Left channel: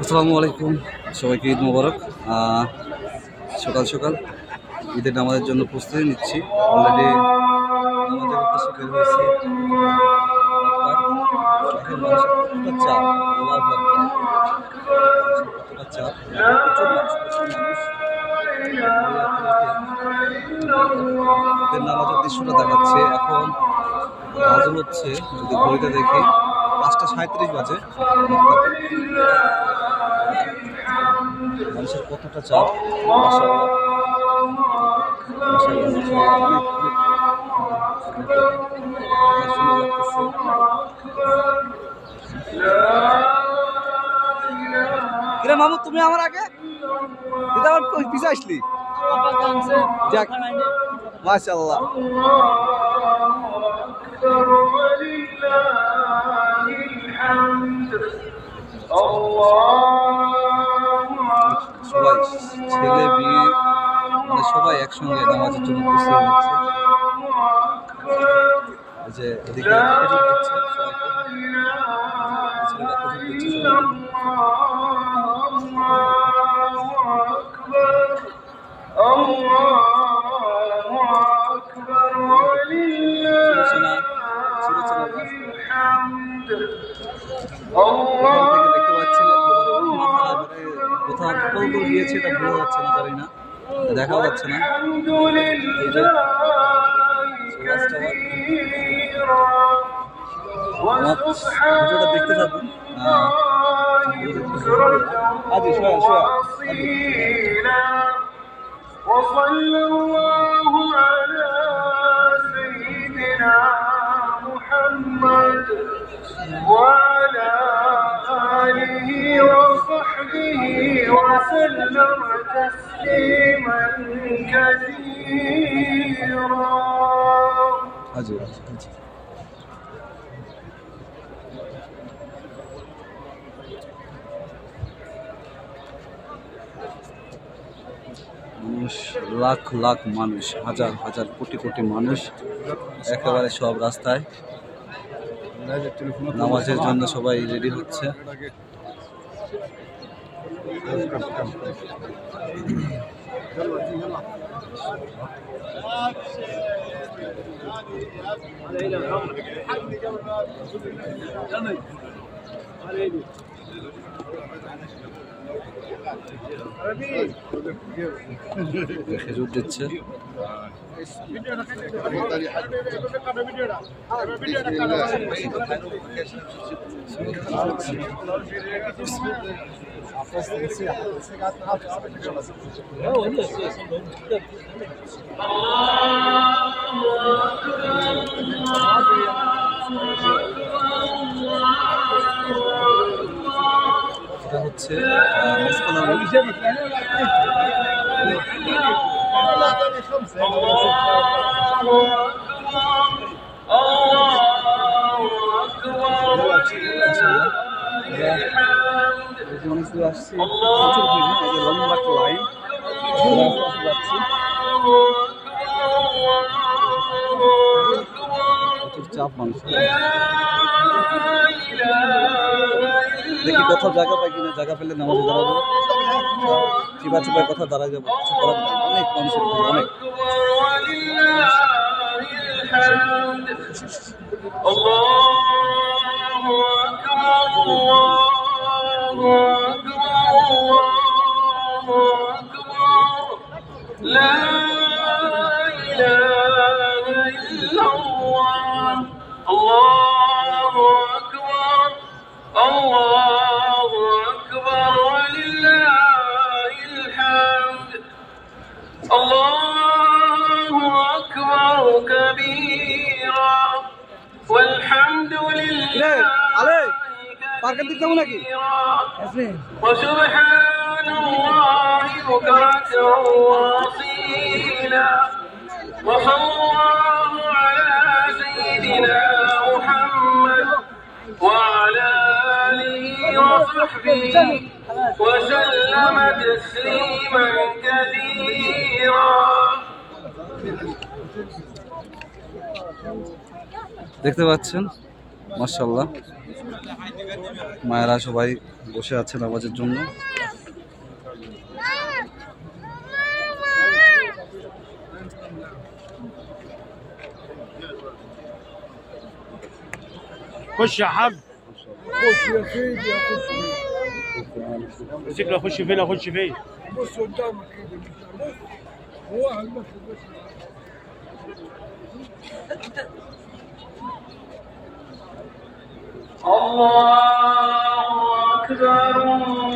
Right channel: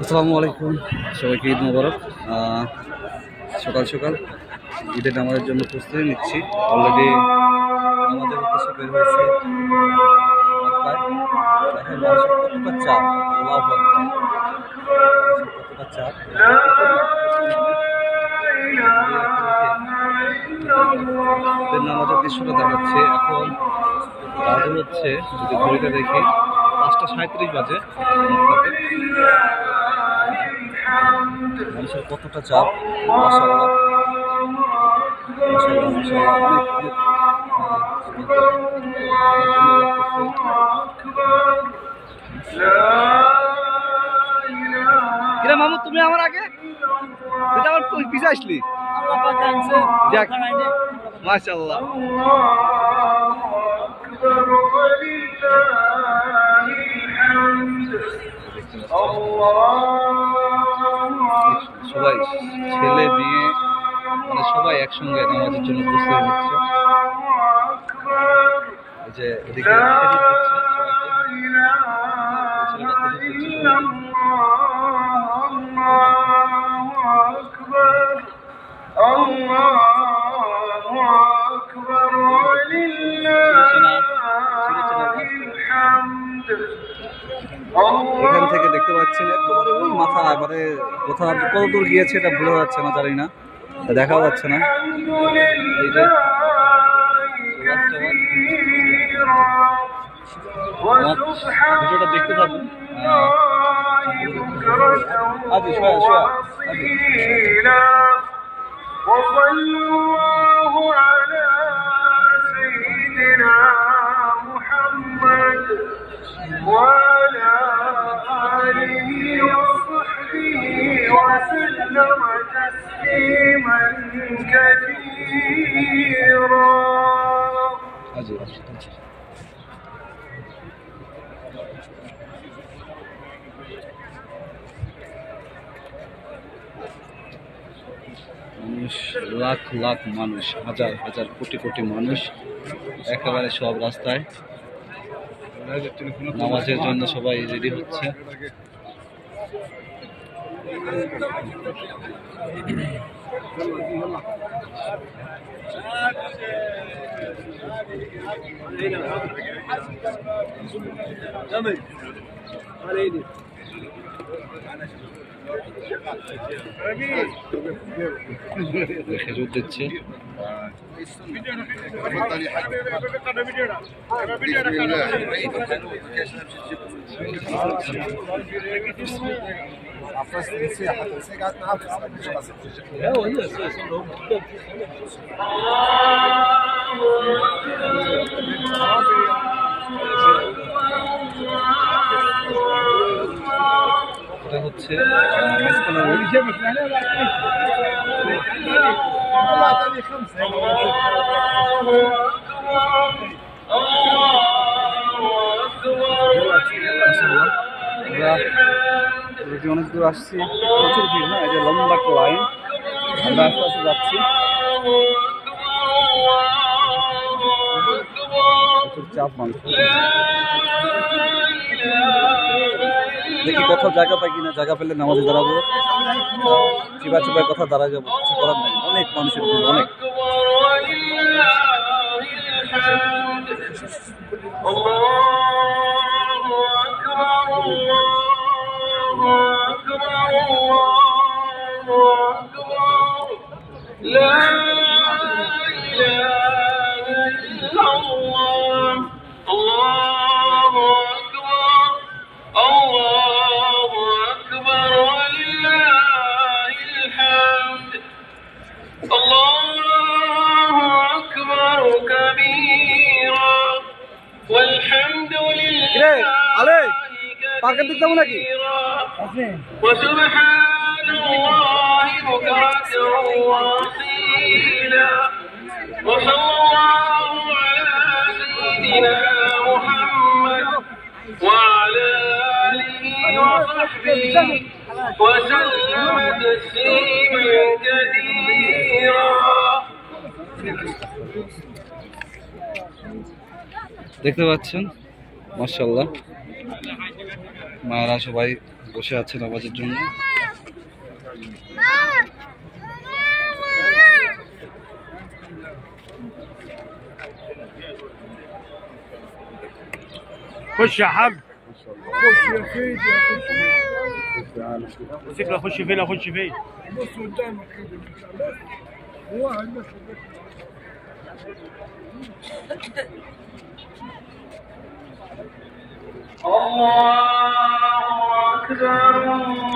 আসসালামু আলাইকুম, সবাইকে ঈদ মোবারক। সকাল সকাল ঈদের নামাজের জন্য প্রস্তুতি নিচ্ছি। অলরেডি নামাজের উদ্দেশ্যে বের হয়েছি। কতটা চাপ, কতটা চাপ, ঈদের নামাজের দৃশ্যটা দেখাচ্ছে। এখন বাজে হচ্ছে, যদি ঘড়িতে দেখি 5:37 বাজে। মানুষের কতটা চাপ, মাশাআল্লাহ কিরা মামু, তুমি আমার আগে আমার পিছে আসলি। মাশাআল্লাহ, সবাই ছেলে মেয়ে মানে সবাই একসঙ্গে নামাজের জন্য প্রস্তুতি নিচ্ছে। এই যে এদিকে খেজুর দিচ্ছে সবাইকে, ছেলেটা খেজুর দিচ্ছে এখান থেকে দেখতে পাচ্ছেন মাথা এবারে কোথাও কত দূর গিয়েছে এটা বোঝা যাচ্ছে না, জানি না, দেখাও যাচ্ছে না। এই যে ভিডিওটা দেখতে থাকুন। আদি শোয়া শোয়া আদি وعلى آله وصحبه وسلم تسليما كثيرا. মানুষ, লাখ লাখ মানুষ, হাজার হাজার কোটি কোটি মানুষ একেবারে সব রাস্তায় নামাজের জন্য সবাই রেডি হচ্ছে। খেজুর দিচ্ছে। এটা হচ্ছে অনেক দূর আসছি, প্রচুর ভিড় না, এই যে লম্বা একটা লাইন, আমরা আস্তে আস্তে যাচ্ছি। প্রচুর চাপ মানুষ, দেখি কোথাও জায়গা পাই কিনা, জায়গা পেলে নামাজে দাঁড়াবো, চিপা চুপায় কথা দাঁড়ায় যাবো, কিছু করার নেই। অনেক মানুষের ভিড়, অনেক। আলে পার্কের দিক যাবো নাকি? দেখতে পাচ্ছেন, মাশাআল্লাহ। মায়েরা সবাই বসে আছে নামাজের জন্য। خش يا حاج. خش يا سيدي يا خش فين. خش فين اخش فين. بص قدامك كده بص. واحد ماشي بس. الله أكبر الله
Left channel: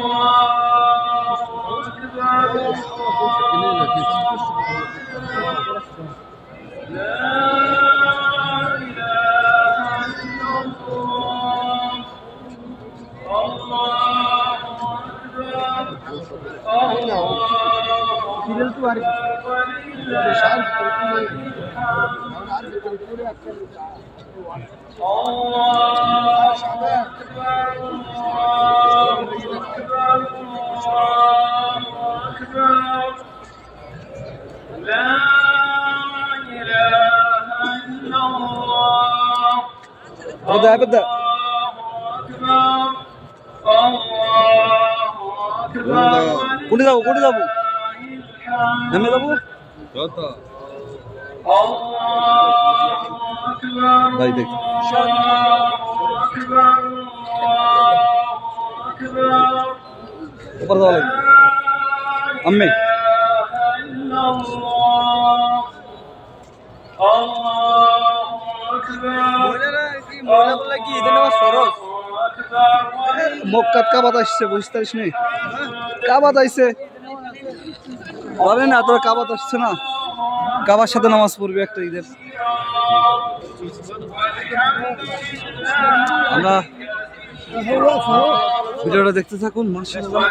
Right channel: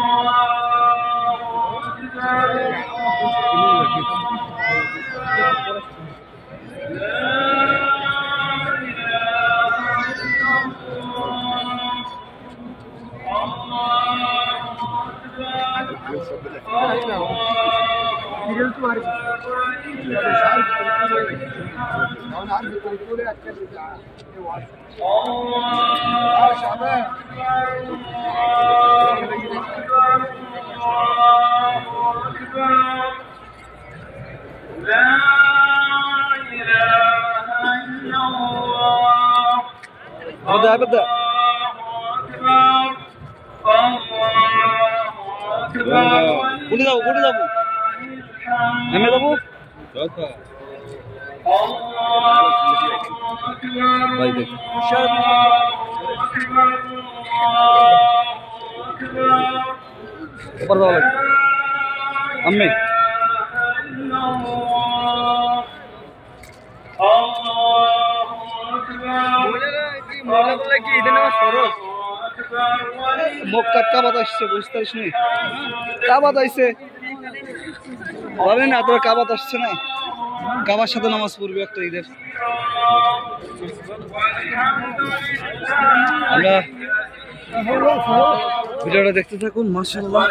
أكبر لا إله إلا الله الله أكبر مش عارف انا عارف التليفون اتكلم الله شعبان الله أكبر لا إله إلا الله بدأ الله أكبر কোনে যাবো নেমে যাবো ভাই দেখ ওপর যাওয়া লাগবে আম্মে মক্কাত কাবাত আসছে বুঝতে পারিস নি কাবাত আইছে বলে না তোর কাবাত আসছে না কাবার সাথে নামাজ পড়বি একটা ঈদের আমরা ভিডিওটা দেখতে থাকুন মাশাআল্লাহ